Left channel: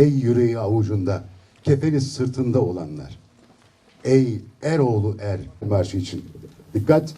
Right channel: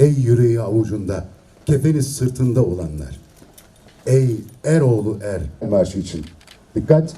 Ey yüreği avucunda, kefeni sırtında olanlar. Ey Eroğlu Er marşı için. Dikkat.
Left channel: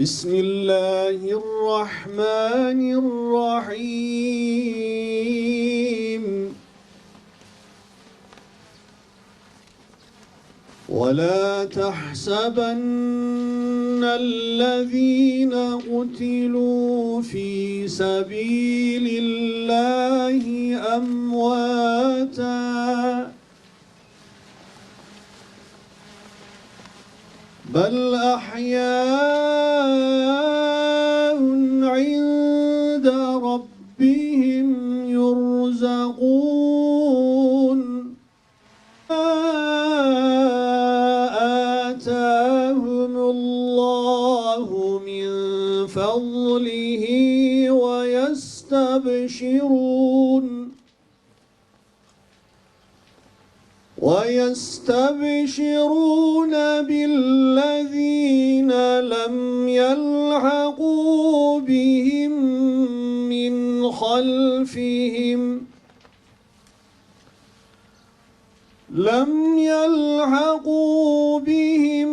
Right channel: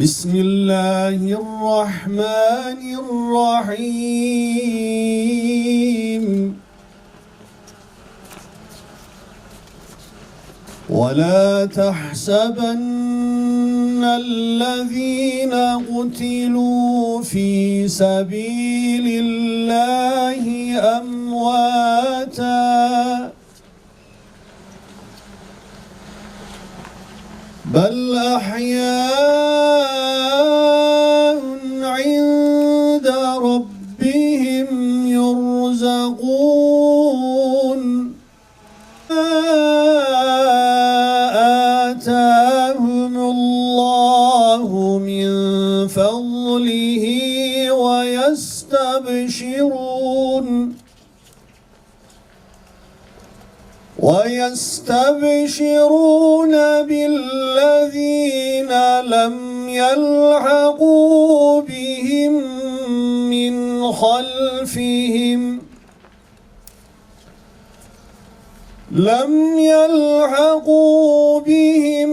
بسم الله الرحمن الرحيم. ولا تحسبن الذين قتلوا في سبيل الله أمواتا. آتاهم الله من فضله ويستبشرون ويستبشرون بالذين لم يلحقوا لم يلحقوا بهم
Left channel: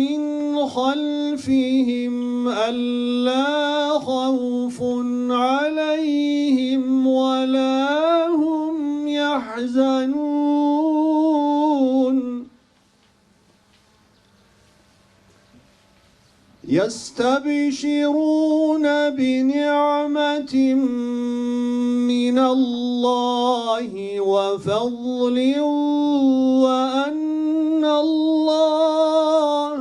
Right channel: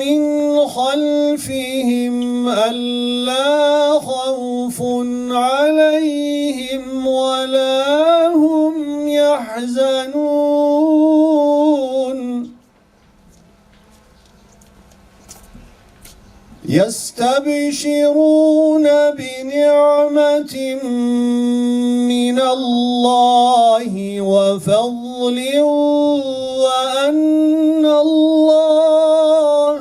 من خلفهم ألا خوف عليهم ولا هم يحزنون. يستبشرون بنعمة من الله وفضل وأن الله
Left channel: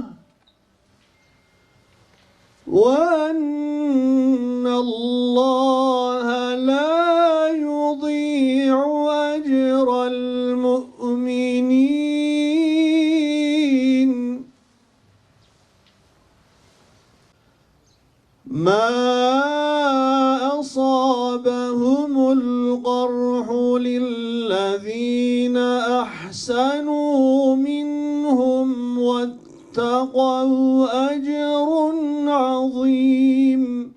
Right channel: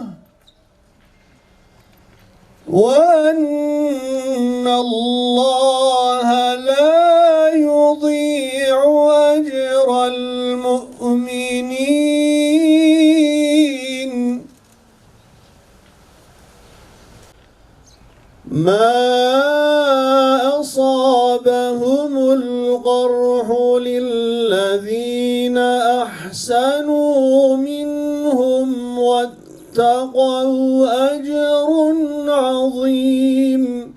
وأن الله لا يضيع أجر المؤمنين. واتقوا أجر عظيم.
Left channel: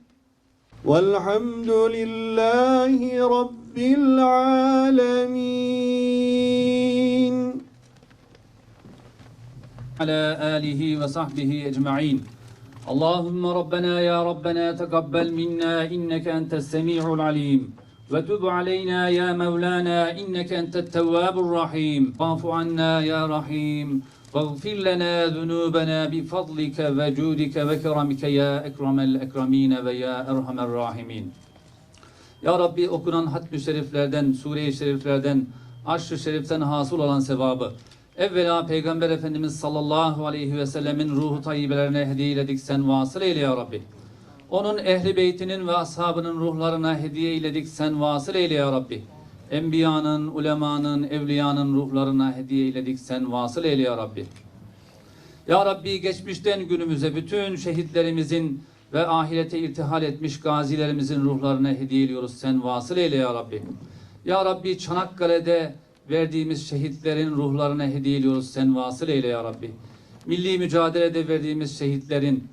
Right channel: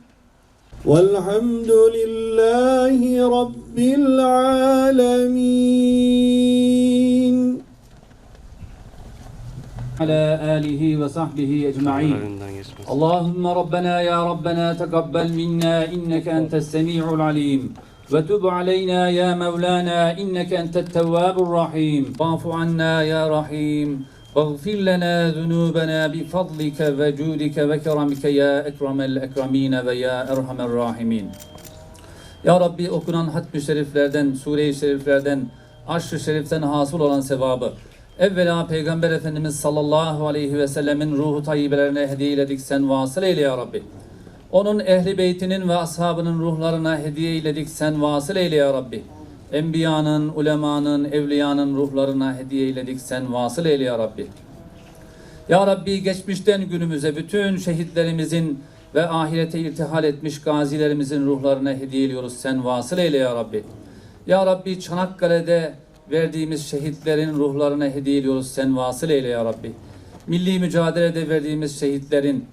والحمد لله رب العالمين. على آله وصحبه أجمعين. اللهم ربنا يا ربنا تقبل منا إنك أنت السميع العليم. وتب علينا يا مولانا إنك أنت التواب الرحيم. واعف عنا يا رحيم. واغفر لنا ذنوبنا بفضلك وجودك وكرمك يا أكرم الأكرمين ويا أرحم الراحمين Ya Rabbi okunan hatmi şeriflerden, sure-i şeriflerden, aşk-ı şeriften hasıl olan sevabı, evvela Peygamber Efendimiz sallallahu aleyhi ve sellemin ruhu tayyibelerine hediye eyledik sen vasıl eyle ya Rabbi. Onun ehli beytinin ve ashabının ruhlarına hediye eyledik sen vasıl eyle ya Rabbi. Enbiyanın, ulemanın, evliyanın ruhlarına hediye eyledik sen vasıl eyle ya Rabbi. Ya Rabbi geçmişten günümüze bütün şehitlerimizin ve ahirete irtihal etmiş gazilerimizin ruhlarına hediye ediyoruz. Sen vasıl eyle ya Rabbi. Ya Rabbi Çanakkale'de verdiğimiz şehitlerin ruhlarına hediye ediyoruz. Sen vasıl eyle ya Rabbi. Milli mücadelede verdiğimiz şehitlerin,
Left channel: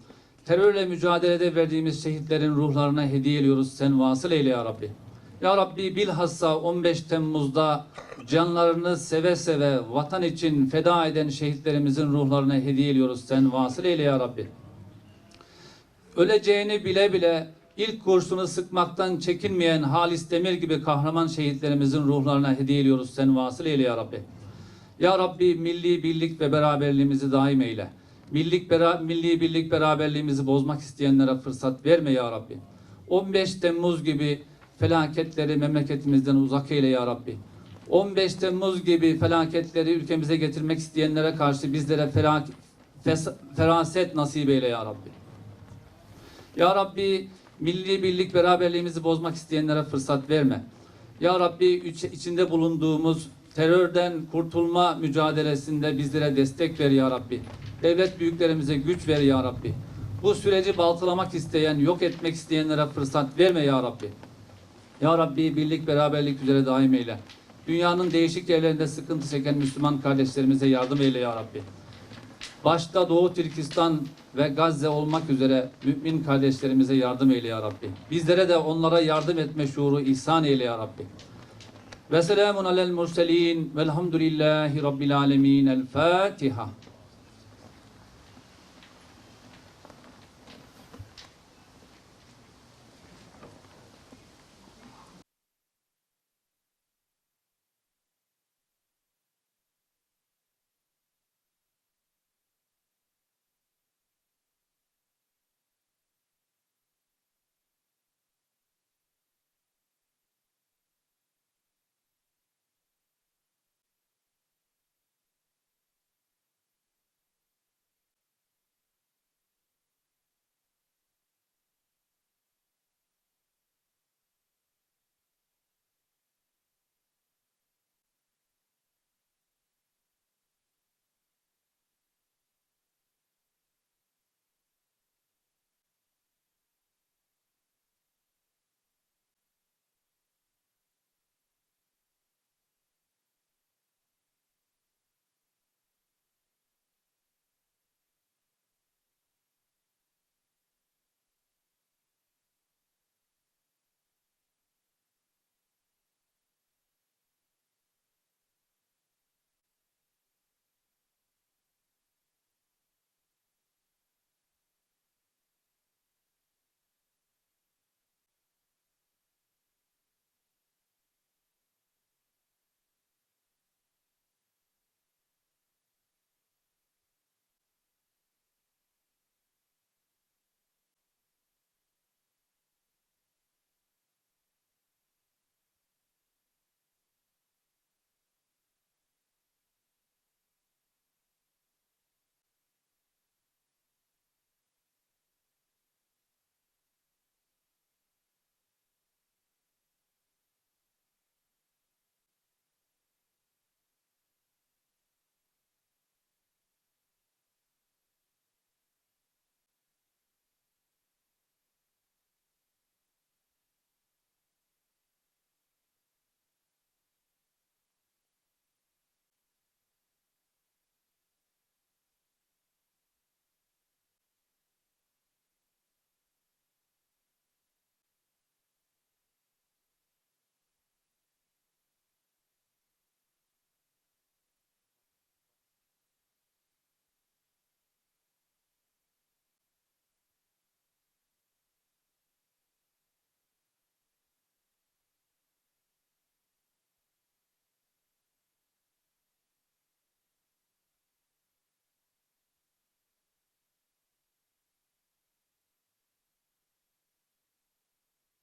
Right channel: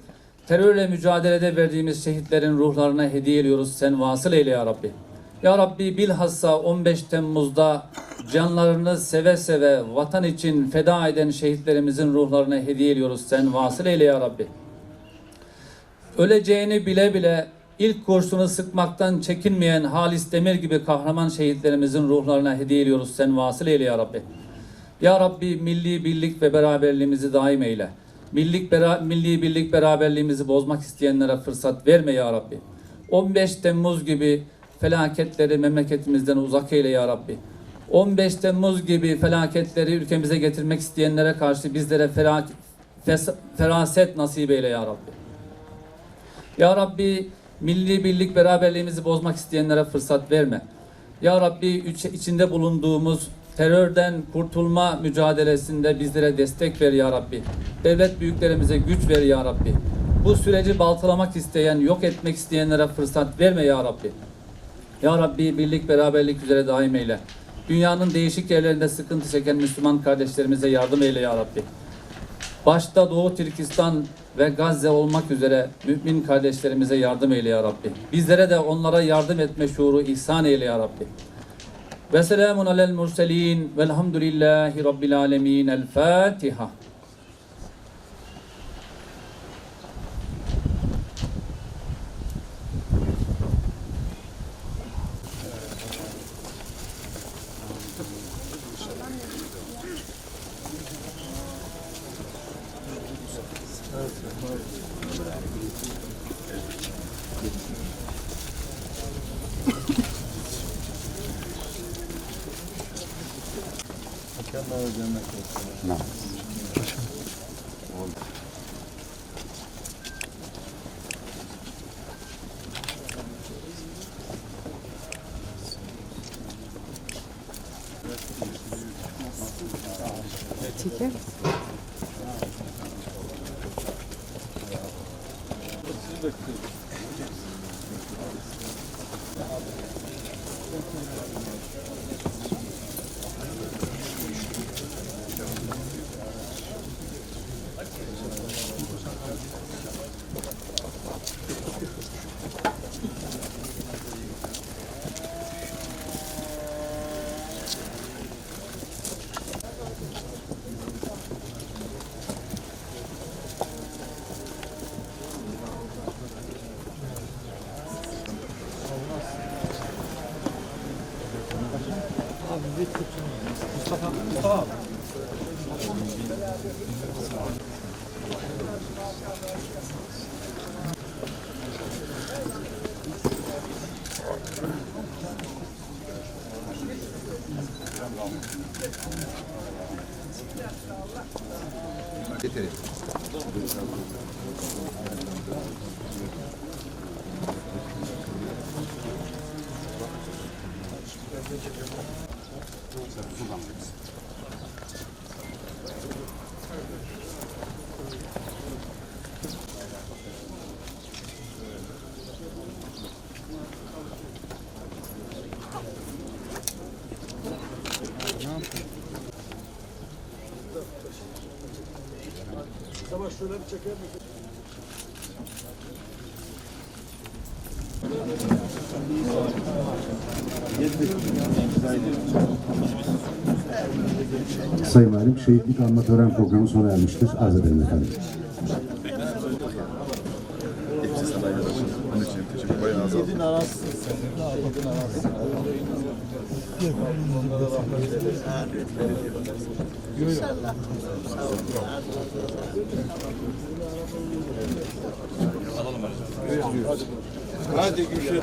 terörle mücadelede verdiğimiz şehitlerin ruhlarına hediye ediyoruz. Sen vasıl eyle ya Rabbi. Ya Rabbi bilhassa 15 Temmuz'da canlarını seve seve vatan için feda eden şehitlerimizin ruhlarına hediye ediyoruz. Sen vasıl eyle ya Rabbi. Öleceğini bile bile ilk kurşunu sıkmaktan çekinmeyen Halis Demir gibi kahraman şehitlerimizin ruhlarına hediye ediyoruz. Sen vasıl eyle ya Rabbi. Ya Rabbi milli birlik ve beraberliğimizi daim eyle. Millik bera milli birlik beraberliğimizi bozmak isteyenlere fırsat verme ya Rabbi. 15 Temmuz gibi felaketleri memleketimizden uzak eyle ya Rabbi. 15 Temmuz gibi felaketleri ülkemize getirmek isteyenlere karşı bizlere feraset nasip eyle ya Rabbi. Ya Rabbi milli birlik beraberliğimizi bozmak isteyenlere fırsat verme. Ya Rabbi içinde bulunduğumuz terörden kurtulma mücadelesinde bizlere destek ver ya Rabbi. Devlet büyüklerimize güç ver ya Rabbi. Bu süreci baltalamak isteyen, yok etmek isteyenlere fırsat verme ya Rabbi. Ya Rabbi birlik beraberlik üzere daim eyle. Dünyanın değişik yerlerinde sıkıntı çeken Müslüman kardeşlerimize yardım eyle ya Rabbi. Başta Doğu Türkistan ve Gazze olmak üzere mümin kardeşlerimize yardım eyle ya Rabbi. Bizlere de onlara yardım etme şuuru ihsan eyle ya Rabbi. Ve selamun alel murselin velhamdülillahi rabbil alemin. El Fatiha. cennet olsun. Getirin. Buradan Sayın Valim, şehitlik anma tören programı sona ermiştir. Arz edelim efendim. Teşekkür ederim. Yedin aransın sen. Yedin aransın. Onlara rahmet eylesin. İnşallah. Alalım hocam. Hadi Gülşen.